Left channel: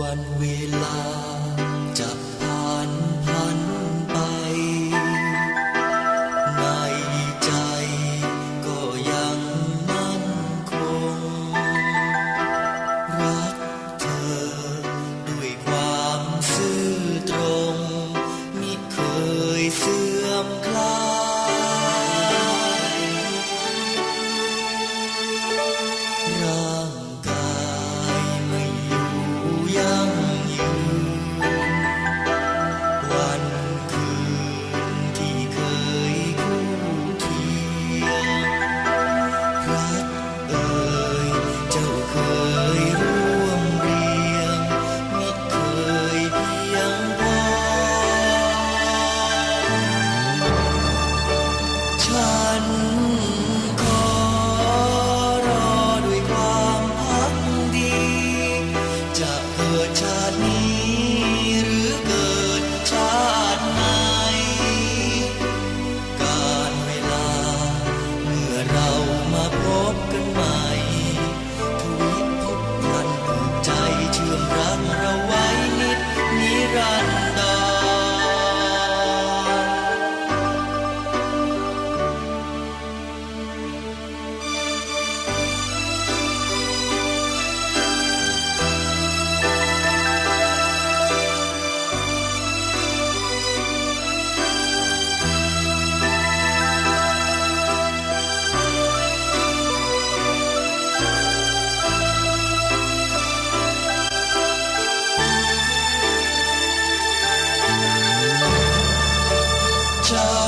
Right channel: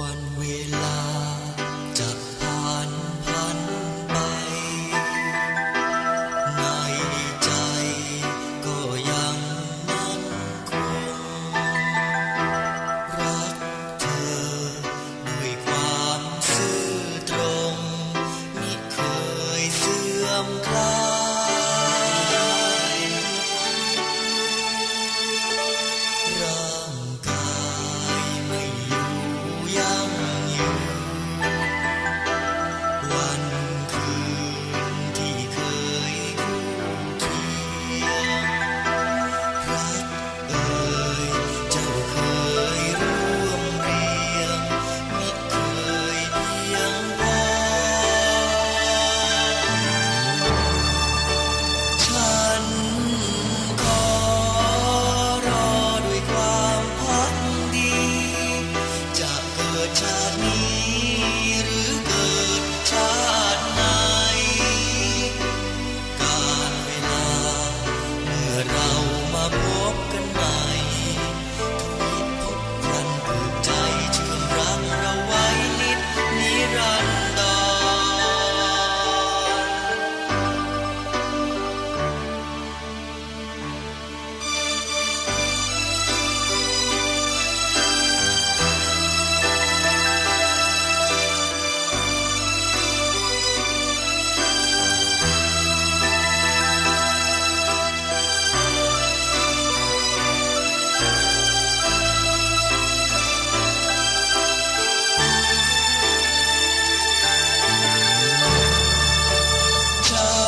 วันเวลาจะ control.